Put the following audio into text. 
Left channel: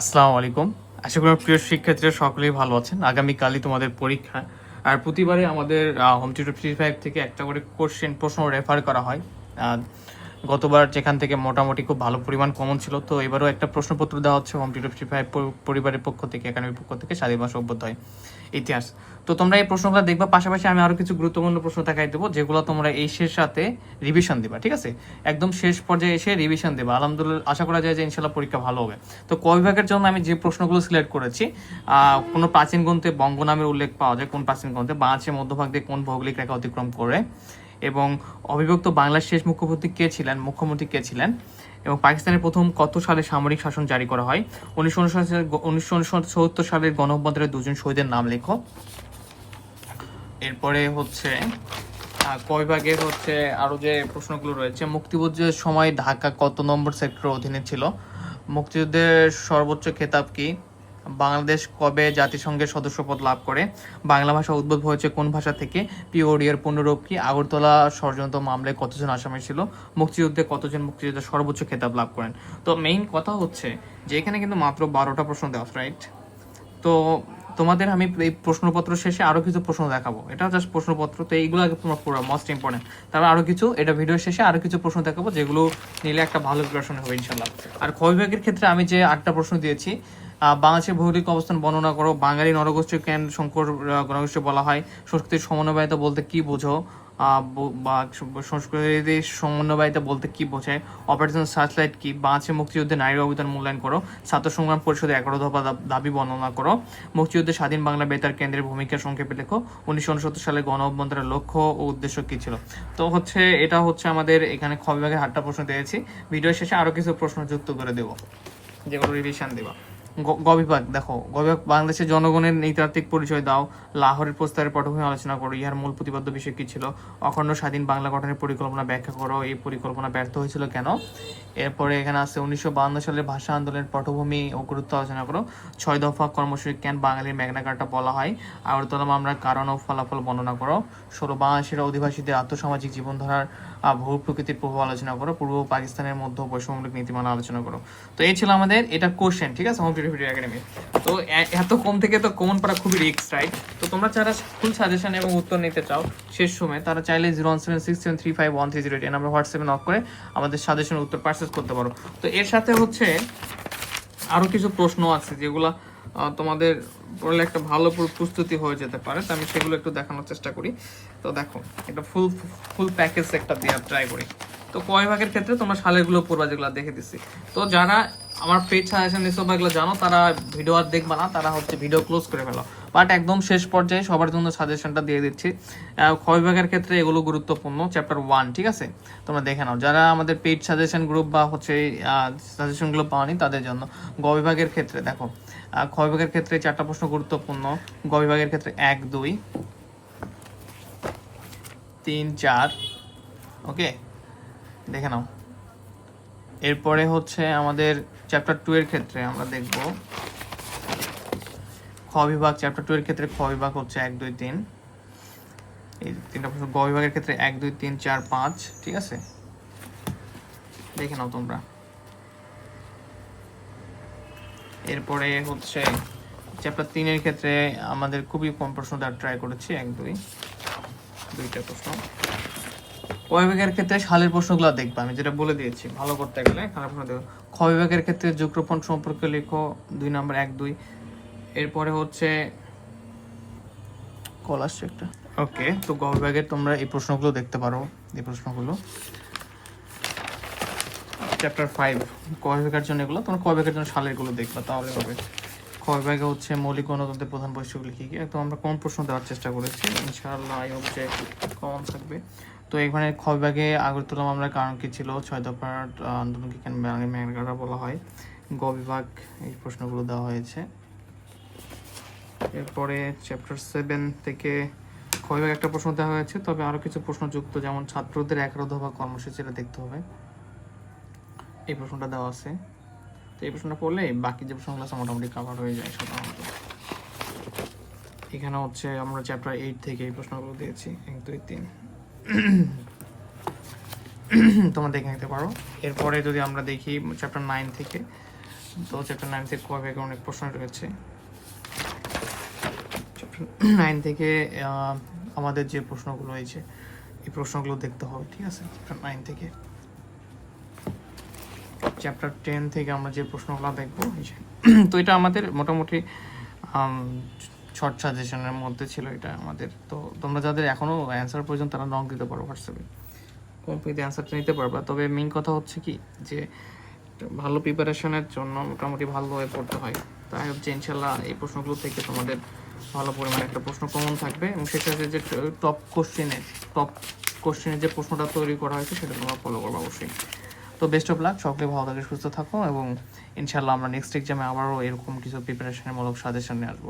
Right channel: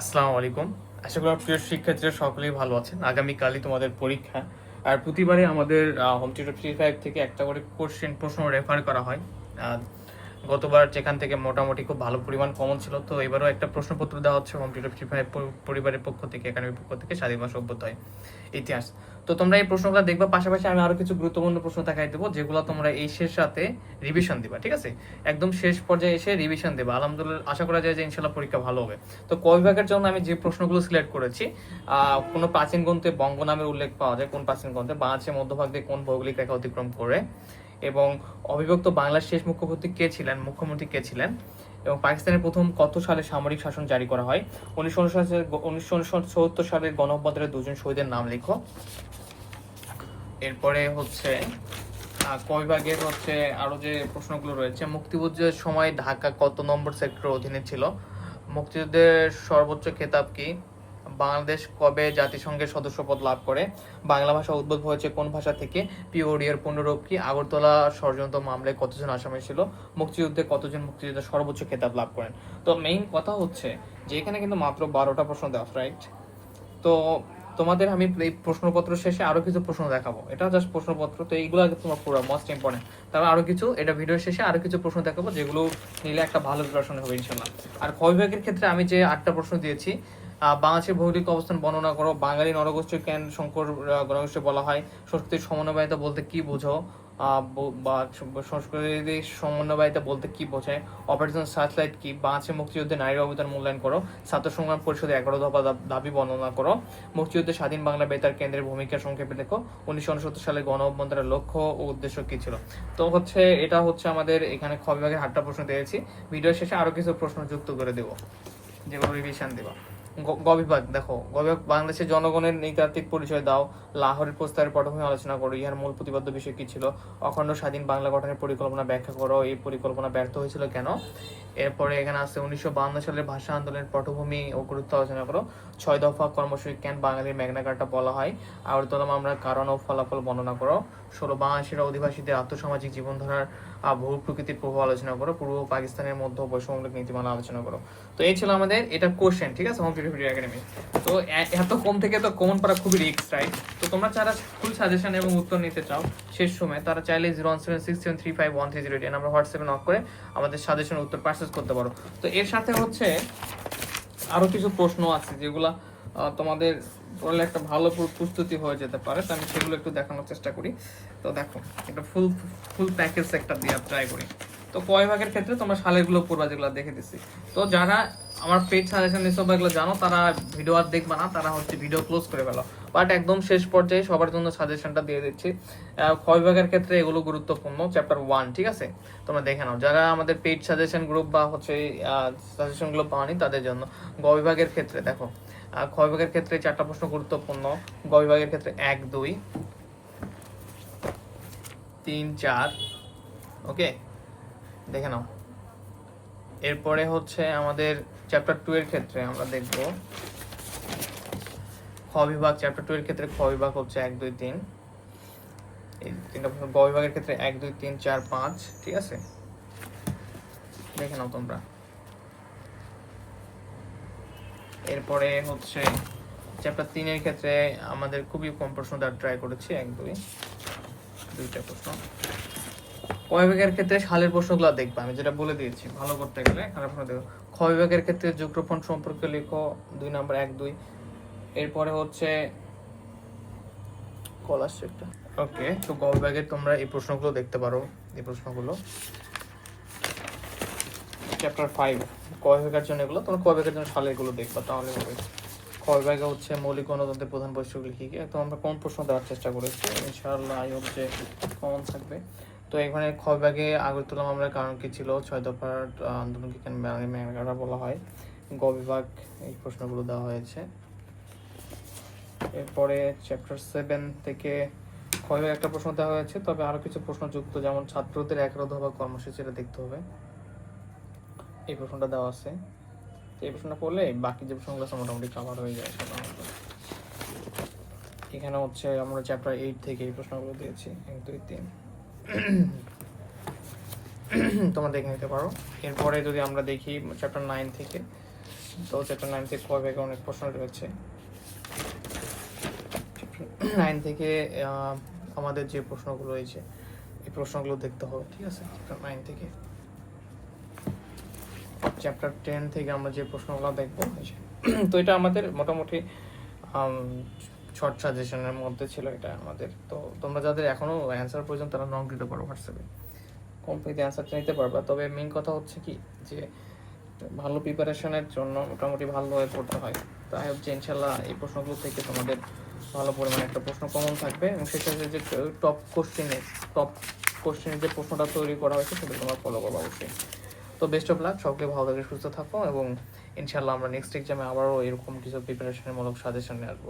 আসসালামু আলাইকুম। আশা করি প্রিয় শিক্ষার্থীরা সকলেই ভালো আছেন। আগামীকালই তোমাদের পরীক্ষা। আর প্রতিবারে আমাদের হোম টিউটর ফ্রি ফাইভ থেকে একটা করে কোশ্চেন প্রশ্ন রেফার করা হয়। গতবার যেখান থেকে মোটামুটি খুব ভালো পরিমাণ কমন ছিল, তো এবারও একটা প্রশ্নপত্র দেওয়া হচ্ছে হোম টিউটর ফ্রি ফাইভ পরিবারের পক্ষ থেকে একাডেমির পক্ষ থেকে স্বাধীন সভ্যতায় ইতিহাস। তো তোমরা এই প্রশ্নগুলো দেখবা, পাশাপাশি আমি আরও কিছু গুরুত্বপূর্ণ প্রশ্ন দেখাই দেবো, যেগুলো তোমরা এই শেষ সাথে রিভিশন দিবা, ঠিক আছে? একদম শেষ পর্যায়ে এসে রিভিশন দেবা। আলহামদুলিল্লাহ, আশা করা যায় যে ইনশাল্লাহ পরীক্ষা ভালো হবে। তো ক বিভাগের জন্য আমি যে প্রশ্নগুলো সিলেক্ট করেছি কোনো প্রাচীন গ্রন্থে বঙ্গ নামের উল্লেখ পাওয়া যায়, কোন প্রাচীন গ্রন্থে বাংলাদেশের মধ্যভাগ দিয়ে কোন ভৌগোলিক রেখা অতিক্রম করে। এবং অবিভক্ত বাংলার শেষ মুখ্যমন্ত্রী কে ছিলেন? মুখ্যমন্ত্রী কে ছিলেন? এবং পাকিস্তানের প্রথম কত সালে সামরিক শাসন জারি করা হয়? উনিশশো উনিশশো সালের গণঅভ্যুত্থানের দুজন শহীদের নাম লেখো। এরপরে হচ্ছে কয় ভাগের হচ্ছে আরও যে প্রশ্নগুলো রয়েছে, মুক্তিযুদ্ধের সময় ঢাকা কত নম্বর সেক্টর অধীনে ছিল? মুক্তিযুদ্ধের সর্বোচ্চ খেতাব কি? বাংলাদেশ কবে জাতিসংঘের সদস্যপদ লাভ করে? বাংলা ভাষা উদ্ভব হয়েছে কোন ভাষা থেকে? পিওডিয়ার পুনরূপ কি? আগরতলা ষড়যন্ত্র মামলায় কতজন আসামি ছিল? মুক্তিযুদ্ধে কতজন মুক্তিযোদ্ধা সর্বোচ্চ খেতাব লাভ করেন? তো মেইন কথা হচ্ছে যে এখানে কিন্তু মাত্র বারোটা প্রশ্ন দেওয়া রাইট তো তোমাদের আমি এই প্রশ্নপত্র শেষে আরও কিছু প্রশ্ন দেখাবো। এটা জাস্ট প্রশ্নপত্র, তো এইগুলো তোমার পুরো মোস্ট ইম্পর্টেন্ট তারপর আরও কিছু, এটা ভিডিও শেষে আরও কিছু প্রশ্ন দেখাবো, যেগুলো নিলে একটা ভালো প্রিপারেশন হবে ইনশাল্লাহ আর ক্ষয় বিভাগের ক্ষেত্রে আমি যে আটটা প্রশ্ন দিয়েছি বাংলাদেশের ভৌগোলিক অবস্থান বর্ণনা করো। বাঙালি নরগোষ্ঠী কেন শঙ্কর গণগোষ্ঠী বলা হয়? সংস্কৃতির সমন্বয়তা বলতে কি বোঝো? ব- সংস্কৃতির সমন্বয়তা বলতে কি বোঝায়? অপারেশন সার্চলাইট কি? বাংলাদেশের মুক্তিযুদ্ধে নারীর অবদান মূল্যায়ন করো। ছাত্র সংগ্রাম পরিষদের এগারো দফা দাবি বর্ণনা করো। মুক্তিযুদ্ধে স্বাধীন বাংলা বেতার কেন্দ্রের ভূমিকা সংক্ষেপে লেখো। উনিশশো উনসত্তর সালে গণ অভ্যন্তরের লক্ষ্য ও উদ্দেশ্য কি ছিল? তো হচ্ছে, এটা হচ্ছে আমাদের এখানে খ বিভাগে হাটটা প্রশ্ন দিয়েছি। ভিডিও শেষে আরও কিছু প্রশ্ন যুক্ত করে দেবো। যেগুলো রিভিশন গ- গ দেখো, গ বিভাগ বাংলাদেশের জনগণের নৃতাত্ত্বিক পরিচয় দাও। লাহোরের প্রস্তাবের পটভূমি আলোচনা করো, ইহার মূল প্রতিপাদ্য বিষয় কি ছিল? অখণ্ড স্বাধীন বাংলা গঠনের পরিকল্পনা ব্যাখ্যা করো, এই পরিকল্পনা ব্যর্থ হয়েছিল কেন? এরপরে এখানে আছে উনিশশো সালের ভাষা আন্দোলনের পটভূমি ও গুরুত্ব আলোচনা করো। ছয় দফা কর্মসূচি কেন বাঙালির কার্ডটা বলা হয়? আগরতলা আমরা কারণ ও ফলাফল বর্ণনা করো। ষোলো বাংলাদেশের অধিবাসীদের আত্মসামাজিক জীবনধারার ভূ প্রকৃতির প্রভাব আলোচনা করো। পূর্ব পাকিস্তানের মধ্যে বৈষম্যমূলক নীতিমালা আলোচনা করো। তো এই ছিল আমাদের, এটা কোশ্চেন ঠিক আছে? টিউটোরিয়াল একাডেমি তো এত কম থেকে তো কমন পড়া খুবই রিস্ক রাইট তো তোমরা যারা ফুল সাজেশন এবং উত্তর নিতে চাও, শেষ সময় তারা চাইলে zero one seven six seven three five one three zero এই নাম্বার হোয়াটসঅ্যাপে নক করে আমাদের সাজেশন উত্তর পারচেস করতে পারো। তো এর সাথে হচ্ছে আরও কিছু প্রশ্ন আছে যেগুলো তোমাদের পড়লে একটা ভালো প্রস্তুতি হয়ে যেতে পারে, তো আমি সেগুলো একটু দেখানোর চেষ্টা করি। তো দেখো এটা ফুল ফুল প্যাকেজ একটা দেওয়ার ট্রাই করি। তো কয় ভাগের ক্ষেত্রে তোমরা সালেরগুলো পড়বা যেগুলো দেখে দিছি। তো যারা আমার পেজ সাজেশন এসব এগুলো জানো, তারা ভিডিও আর দেখবা না, তারা হচ্ছে ভিডিও ক্লোজ করে ফেলো। বাট একদম শেষ পর্যায়ে সবার জন্য সাজেশনটা দিয়ে দিচ্ছি। ক্ষয় বিভাগের ক্ষেত্রে এগুলো গুরুত্বপূর্ণ? চ্যাপ্টার ওয়ান ঠিক আছে? তোমরা দেখে নাও। যারা আমাদের পেড সাজেশন গ্রুপ বা হচ্ছে সাজেশনগুলো পাওনি তাদের জন্য। গ বিভাগের ক্ষেত্রে, দেখো। খ বিভাগের ক্ষেত্রে চারটা প্রশ্ন গুরুত্বপূর্ণ। গ বিভাগের ক্ষেত্রে এক, দুই, তিন, চার ওকে দেখে নাও। এরপরে হচ্ছে আমাদের চ্যাপ্টার টু এর ক্ষেত্রে আমরা দেখব। খ বিভাগ চ্যাপ্টার টু এর ক্ষেত্রে খ বিভাগ হচ্ছে এক, দুই, তিন। এই তিনটা গ বিভাগের ক্ষেত্রে এক, দুই, তিন, চার, পাঁচ, ঠিক আছে? দেখে নাও তোমরা। এরপরে হচ্ছে চ্যাপ্টার তিনের ক্ষেত্রে আমাদের খুবই কম প্রশ্ন দেওয়ার ট্রাই করেছি, এক, দুই। দুইটা প্রশ্ন। কয় বিভাগের ক্ষেত্রে সালের প্রশ্নগুলো দেখবে আমি যেটা বলে দিয়েছি। ভালো করতে গেলে খারাপ প্রশ্ন দেখো। বিভাগের ক্ষেত্রে যুগ্রোপণ সম্পর্কে লিখো দুই নম্বর এক দুই। এরপরে হচ্ছে কল আসছে একটা। ওকে। তো গ তোমরা এই প্রশ্নগুলো দেখতে পারো এই প্রশ্নগুলো। চ্যাপ্টার ফাইভ ক বিভাগের জন্য এগুলো তোমরা ক বিভাগের জন্য সালেরগুলো দেখবা তাহলে ক বিভাগে হচ্ছে মৌলিক গণতন্ত্রের প্রধান বৈশিষ্ট্যগুলি কি আমরা কম প্রশ্ন দেওয়ার চেষ্টা করেছি ইনশাআল্লাহ আই হোপ যে কমন থাকবে। তো এখানে খ বিভাগে আগরতলা মামলার কারণ কি ছিল? ছয় দফার আন্দোলনকে কেন বাঙালি মেঘাগারা বলা হয়? গ বিভাগ এই প্রশ্নগুলো দেওয়া হয়েছে। এরপরে চ্যাপ্টার সেভেন থেকে খ একটা প্রশ্ন দেওয়া হয়েছে, তবে আরও কিছু প্রশ্ন যুক্ত যেমন ছাত্রদের এগারো দফা কর্মসূচিটা দেখতে হবে। এই প্রশ্নটা দেওয়া আছে। তো এই প্রশ্নটা পড়লে বাকি যে প্রশ্নগুলো আছে মোটামুটি কভার হয়ে যায় সাধারণত এখানে হচ্ছে আমরা চ্যাপ্টার এইট থেকে এই প্রশ্নগুলো দিয়েছি, এক, দুই, তিন। তোমরা দেখে নিতে পারো। এরপরে যদি আমরা দেখি চ্যাপ্টার নাইন থেকে, তো চ্যাপ্টার নাইন থেকে কয় ভাগে অনেক প্রশ্ন রয়েছে। নাইন থেকে আমাদের যে প্রশ্নগুলো রয়েছে, এই প্রশ্নগুলো দেখতে হবে, ঠিক আছে? চ্যাপ্টার নাইন থেকে। চ্যাপ্টার টেন থেকে আমরা যে প্রশ্নগুলো দেখব তো এটা আমাদের মোটামুটি শর্ট সাজেশনের মধ্যে ছিল এটা আমাদের। তো তোমরা যাদের এখনও অ্যান্সার পর্যন্ত তারা নক দিতে পারো হোয়াটসঅ্যাপে কমপ্লিট অ্যান্সারটা নিতে পারবা। তবে মেইন কথা হচ্ছে কি যে, ভালো প্রিপারেশনের জন্য মোটামুটি ভালো ভালোভাবে পড়তে হয়। তাই হচ্ছে ইনশাল্লাহ এই প্রশ্নগুলো থেকে তোমাদের ভালো পরিমাণে একটা প্রশ্ন কমন থাকবে। এবং হচ্ছে যে টপ কোশ্চেনে টপ কোশ্চেনের যে প্রশ্নটা তৈরি করা হয়েছে সেটা তোমরা ফলো করব অবশ্যই। তো বেস্ট অফ লাক সকলে ভালো থাকে সুস্থ থাকো এবং ইনশাল্লাহ আমরা নেক্সট এক্সামে আবারও এরকম কিছু প্রিপারেশনের মূলক সাজেশন নিয়ে আসব।